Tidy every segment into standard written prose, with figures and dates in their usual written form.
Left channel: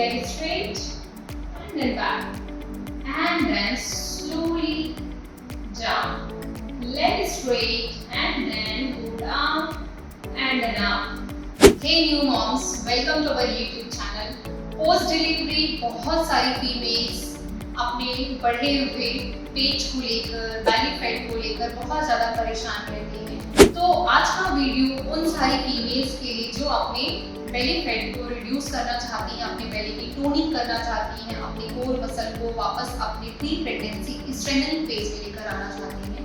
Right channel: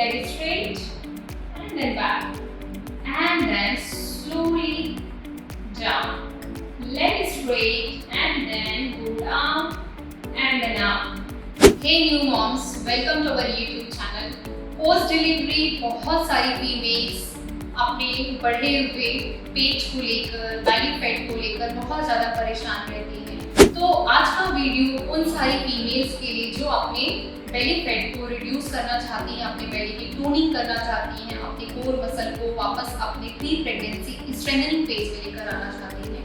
leg straight and then back, and then slowly down. Leg straight and then go down and then up. Hey new moms, welcome to our YouTube channel. Post delivery बहुत सारी females अपने बढ़े हुए पेट को लेकर, belly fat को लेकर बहुत ज़्यादा परेशान रहती हैं। तो आज का वीडियो उन सारी फीमेल्स के लिए जो अपने बेली फैट को रिड्यूस करना चाहती हैं, अपने बेली की टोनिंग करना चाहती हैं, अपने कोर मसल को वापस अपने प्री प्रेगनेंसी स्ट्रेंथनिंग फेज में लेकर आना चाहती हैं।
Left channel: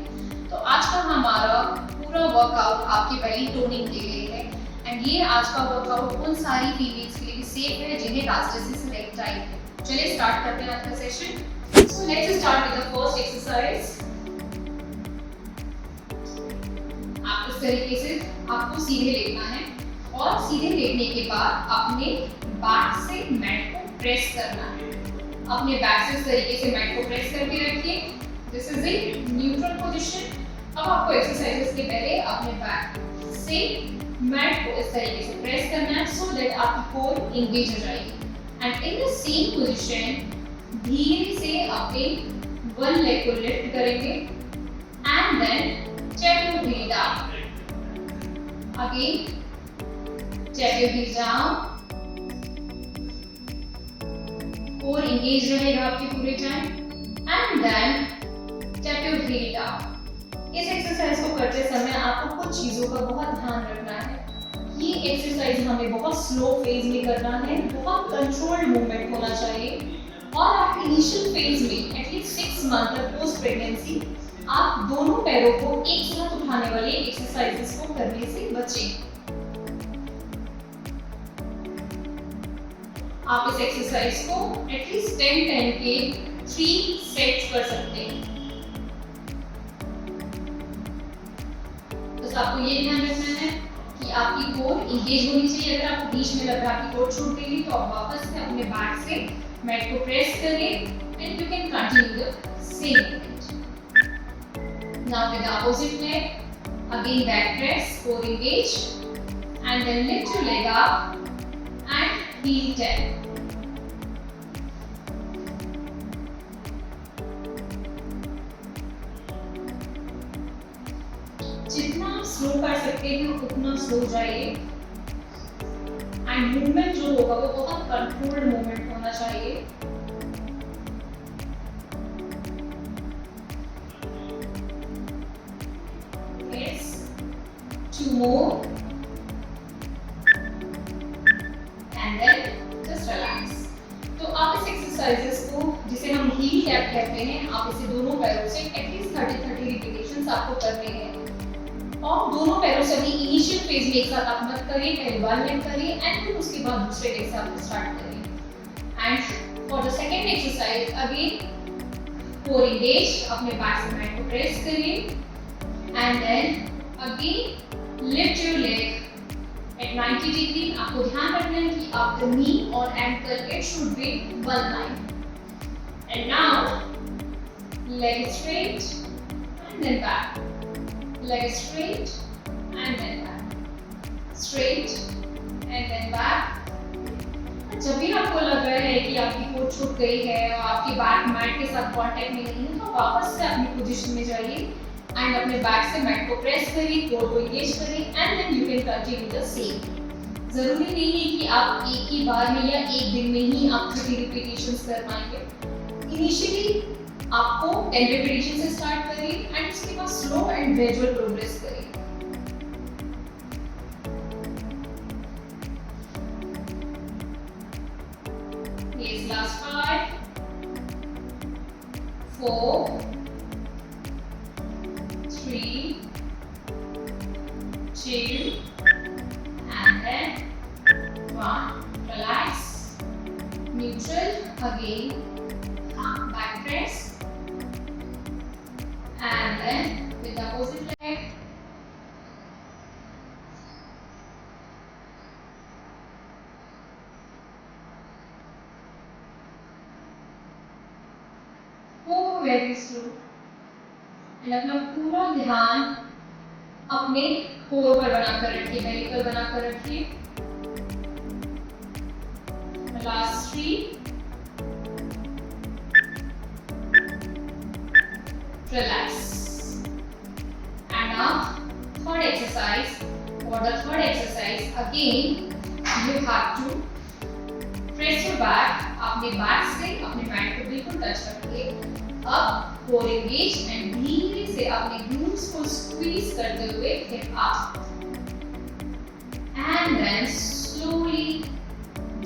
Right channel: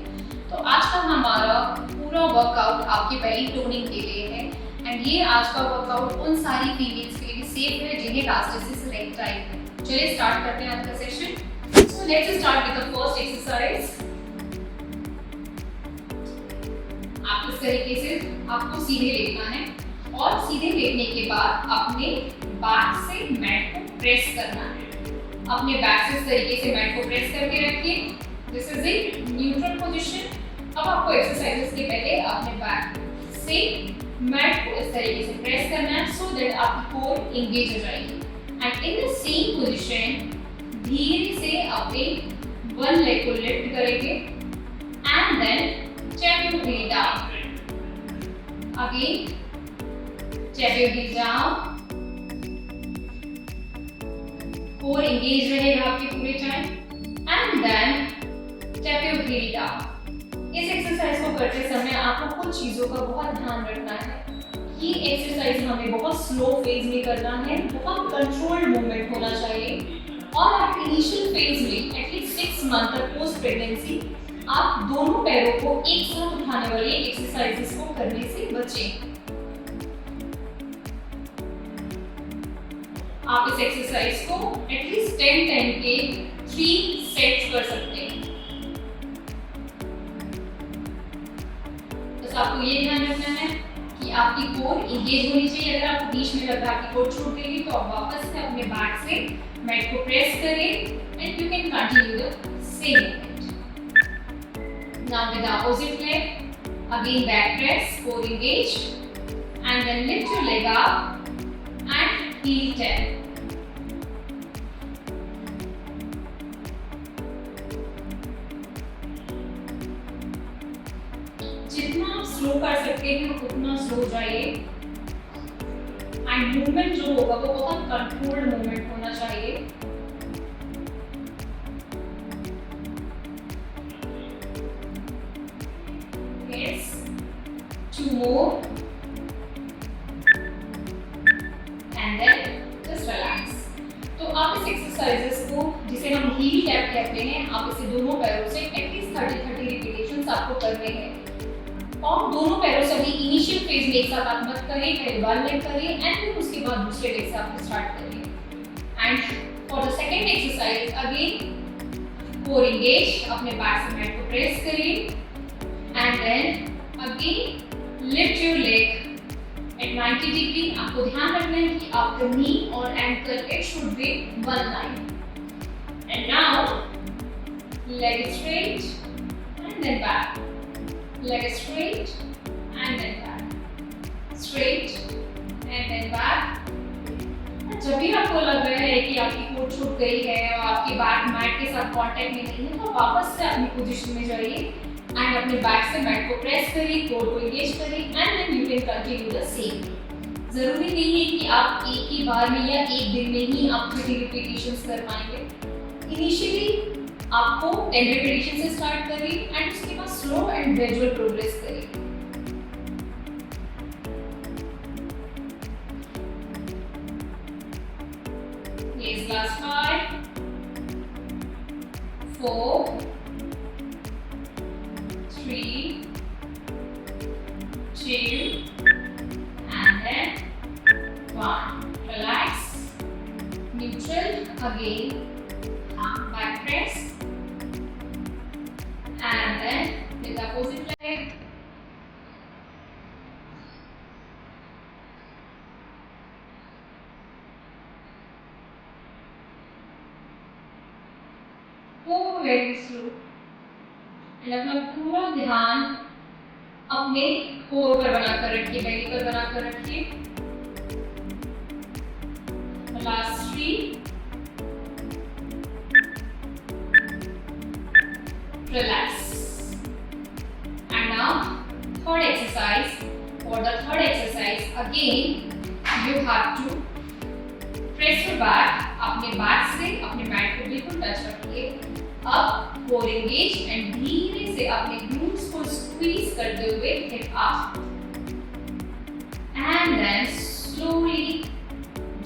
तो आज का हमारा पूरा वर्कआउट आपकी बेली टोनिंग के लिए है एंड ये आज का वर्कआउट उन सारी फीमेल्स के लिए सेफ है जिन्हें गास्ट्रिटिस रेक्टाइल है। चलिए स्टार्ट करते हैं आज का session. So let's start with the first exercise. आप इस तरीके से आपको सीधे लेटना है और सीधे लेटने के बाद अपने बैक से मैट को प्रेस करना है। अपने बैक से इस तरीके से मैट को प्रेस करके रखिए। This is a neutral position. अब आपको एक्सरसाइजेस के पहले अपने बैक से मैट को इस तरीके से प्रेस करना है सो दैट आपकी कोर एंगेज हो जाएगी। And in the same position धीरे से अपने वन लेग को लिफ्ट करेंगे and then check your heel down. Again check your heel down. Core engage रहेगा आपके पूरे time and then check your heel down. इस एक्सरसाइज को करते समय आपको कुछ चीज़ों का बहुत ध्यान रखना है। ये एक्सरसाइज हमें बहुत स्लो फेज में करना है, बहुत कंट्रोल्ड मूवमेंट होना चाहिए और आप इनिशियल फेज में एटलीस्ट 6 मंथ तक पोस्ट प्रेगनेंसी आप दोनों पैरों को एक साथ उठाने वाले एक्सरसाइजेस को करने से बचें। आप इस एक्सरसाइज को एटलीस्ट 10 टाइम के 3 सेट्स कर सकते हैं। तो आपको ये ध्यान रखना है कि आपकी कोर एंगेज होनी चाहिए। अगर आपको बीच में लग रहा है आपकी कोर छूट गई तो आप वापस से अपने बैक से मैट को प्रेस करिए and you can continue the same movement. Now with opposite leg again back press, core engage and then lift your leg up and heel tap. जितना आप स्लो कर सकते हैं उतना स्लो जाइए एंड मूवमेंट जो होगा वो बहुत कंट्रोल्ड मूवमेंट होना चाहिए। Yes, 2 more and then just relax। तो आप इस एक्सरसाइजेस को जिसे हम हील टैप कहते हैं, आप इसे दोनों पैरों से एटलीस्ट 30 रिपीटेशंस आपको करने हैं और दोनों पैरों से अभी इनिशियल फेज में एक साथ आप मत करिए, पहले वन लेग करिए एंड फिर उसके बाद दूसरे लेग से आप स्टार्ट करिए। And for the second exercise again core engage, अपने बैक से मैट को प्रेस करिए and then again lift your leg at 90 degree. आपको ध्यान रखना है कि आपका नी और ankle it should be one line. And now leg straight and then back, leg straight and then back, straight and then back। जब भी आपको लग रहा है कि आपकी कोर छूट गई है और आपकी बैक मैट के साथ कांटेक्ट में नहीं है तो वापस से अपनी पोजीशन में जाइए एंड अपने बैक से मैट को प्रेस करिए, कोर को एंगेज करिए and then you can continue the same. जरूरी नहीं है कि आप एक ही बार में या एक दिन में ही आप 30 रिपीटेशंस कर पाएंगे। इनिशियली आपको 10 रिपीटेशन से स्टार्ट करिए एंड उसके बाद स्लो एंड ग्रेजुअल प्रोग्रेस करिए। Yes, last 5, 4, 3, 2 and then 1. Relax, neutral again, back press and then with the opposite leg go very slow and अपना पूरा ध्यान अपने कोर पर बनाकर रखिए, बेली पर बनाकर रखिए। last 3. Relax. And now third exercise. For the third exercise, again you have to press your back. अपने बैक से अपने मैट को बिल्कुल टच रखिए. अब कोर एंगेज एंड धीरे से अपने ग्लूट्स को स्क्वीज करते हुए hip up and then slowly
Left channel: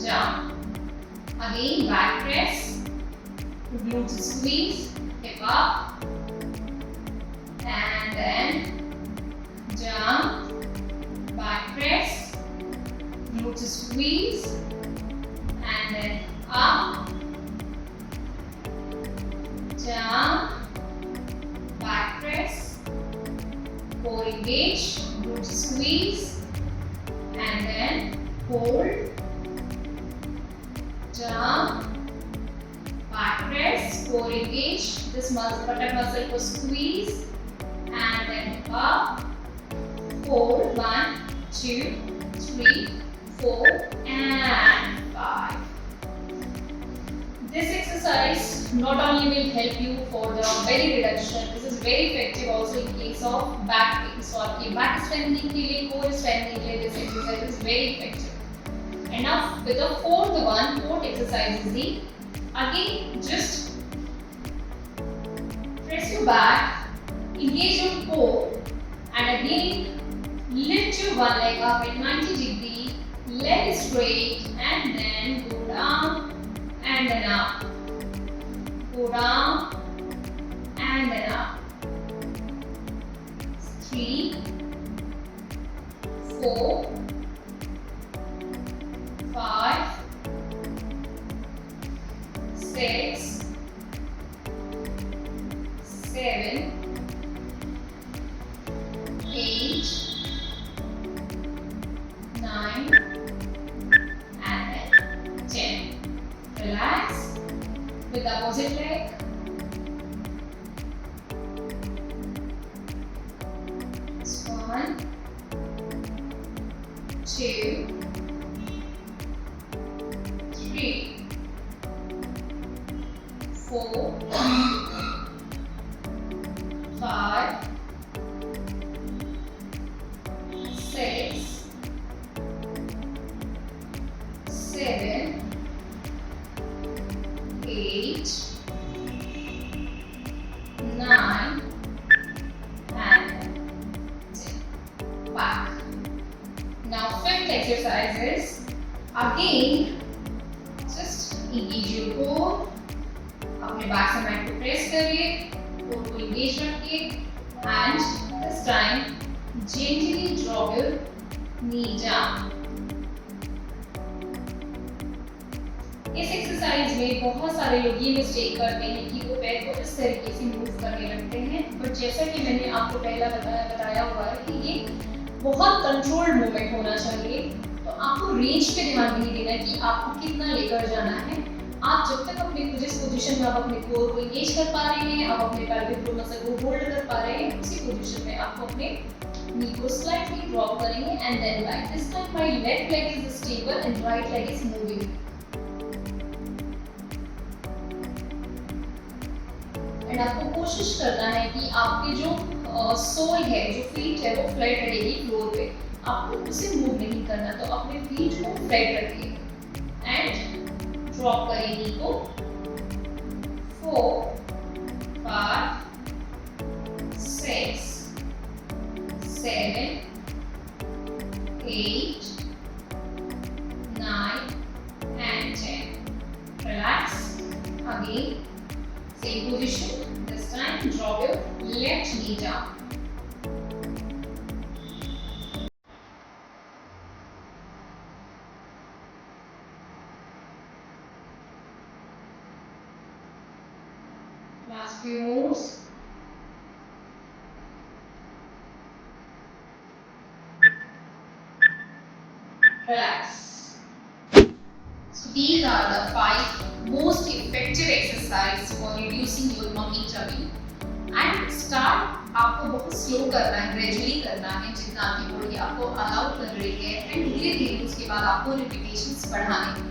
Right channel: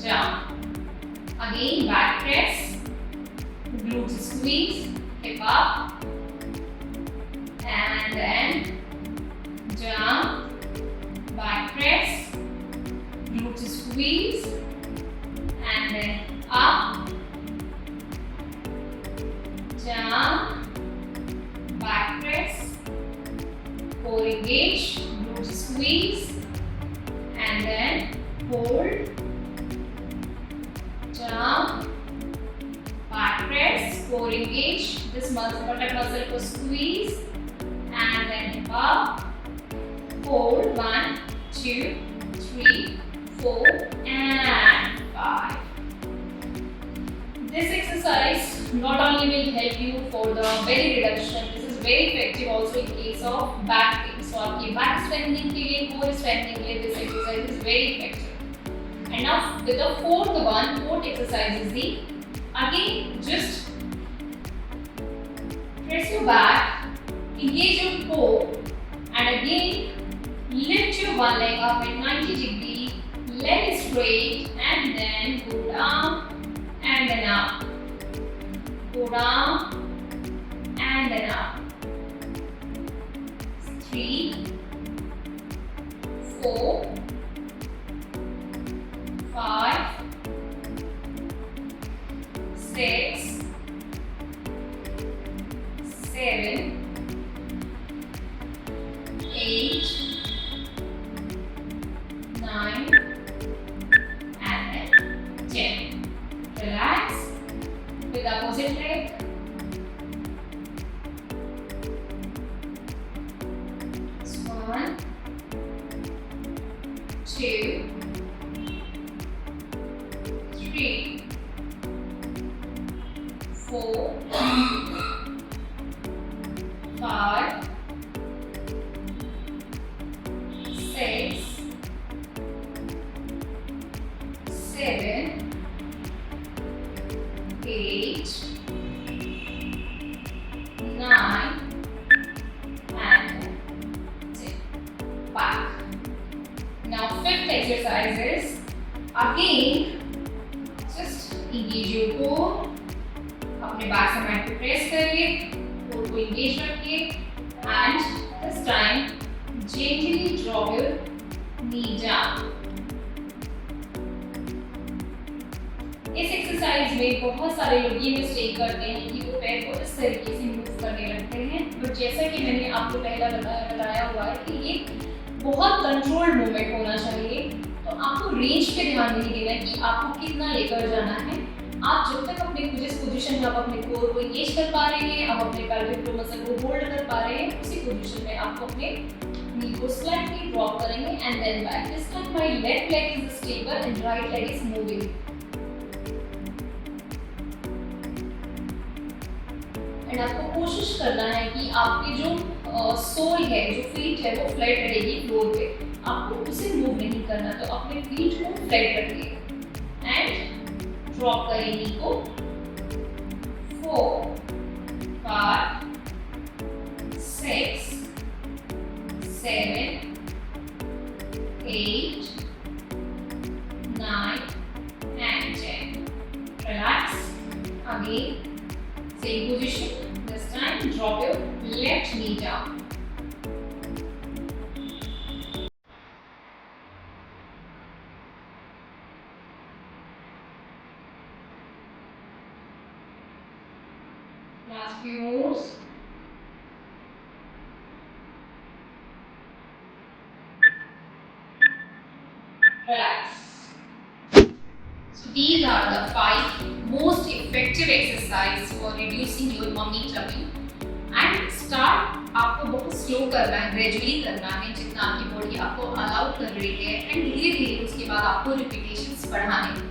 jump. Again back press, glutes squeeze, hip up, and then jump, back press, glutes squeeze, and then up, jump, back press, core engage, glutes squeeze, and then hold, jump, back press, core engage, this muscle, buttock muscle को squeeze, and then hip up, hold, 1, 2, 3, 4, and 5. This exercise not only will help you for the belly reduction, this is very effective also in case of back pain. So आपकी back strengthening के लिए, core strengthening के लिए this exercise is very effective. And now with the fourth exercise is the, again just press your back, engage your core, and again lift your one leg up at 90 degree, leg straight, and then go down and then up, go down and then up. 3, 4, 5, 6, 7, 8, 9, and then 10. Relax with the opposite leg. It's 1, 2, 3, 4, 5, 6, 7, 8, 9, and 10. Back. Now fifth exercise is again just engage your core. अपने back से mat को press करिए, core को engage रखिए, and this time gently drop your knee down. इस exercise में बहुत सारे लोग ये मिस्टेक करते हैं कि वो पैर को इस तरीके से मूव करने लगते हैं, बट जैसा कि मैंने आपको पहला बताया हुआ है कि ये बहुत कंट्रोल्ड मूवमेंट होना चाहिए. तो आपको रेंज पे ध्यान नहीं देना कि आपको कितना लेकर जाना है. आप जब तक अपने जिस पोजीशन में आप अपने कोर को एंगेज कर पा रहे हैं, आप अपने pelvic floor मसल को होल्ड कर पा रहे हैं, उसी पोजीशन में आपको अपने नी को स्लाइटली ड्रॉप करेंगे and then back. This time my left leg is stable and right leg is moving. एंड आपको कोशिश करना है कि आपकी जो सोल है, जो फीट है, वो फ्लैट रहेगी फ्लोर पे. आपको उसे मूव नहीं करना, तो अपने फीट को फ्लैट रखिए एंड ड्रॉप करें नी को. 4, 5, 6, 7, 8, 9, and 10. Relax. Again, same position. This time, drop your left knee down. Last few moves. Relax. So these are the 5 most effective exercise for reducing your tummy tummy. And start आपको बहुत slow करना है, gradually करना है, जितना आपकी body आपको allow कर रही है, एंड धीरे धीरे उसके बाद आपको रिपीटेशंस बढ़ाने हैं.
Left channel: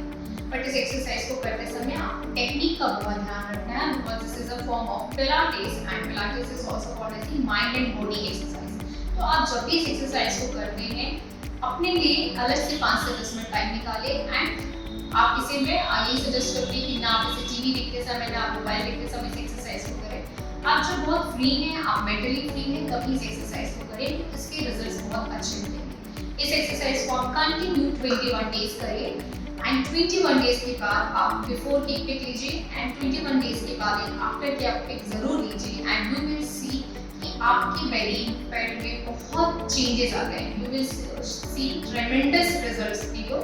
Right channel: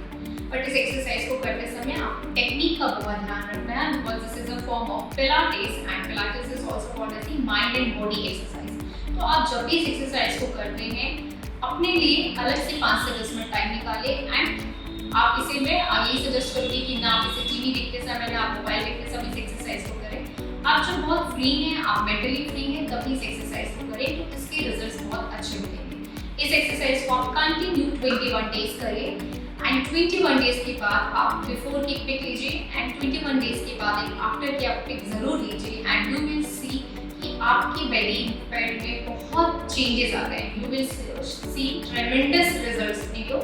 बट इस एक्सरसाइज को करते समय आपको टेक्निक का बहुत ध्यान रखना है, because this is a form of pilates and pilates is also called as the mind and body exercise. तो आप जब भी इस एक्सरसाइज को करते हैं अपने लिए अलग से 5 से 10 मिनट टाइम निकालें। एंड आप इसे मैं यही सजेस्ट करूँगी कि ना आप इसे टीवी देखते समय ना आप मोबाइल देखते समय इस एक्सरसाइज को करें। आप जब बहुत फ्री हैं, आप मेंटली फ्री हैं, तभी इस एक्सरसाइज को करें, तो इसके रिजल्ट्स बहुत अच्छे मिलेंगे। इस एक्सरसाइज को आप कंटिन्यू 21 डेज करें एंड 21 डेज के बाद आप बिफोर की पिक लीजिए एंड 21 डेज के बाद एक आफ्टर की आप पिक जरूर लीजिए एंड यू विल सी कि आपकी बेली फैट में बहुत चेंजेस आ गए। You will see tremendous results in your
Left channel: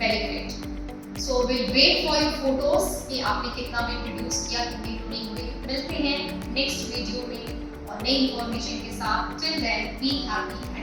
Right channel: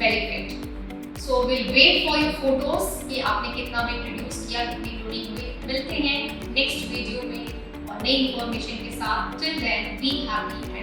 belly fat. So will wait for your photos कि आपने कितना वेट रिड्यूस किया, कितनी टोनिंग हुई। मिलते हैं नेक्स्ट वीडियो में और नई इंफॉर्मेशन के साथ। Till then be happy.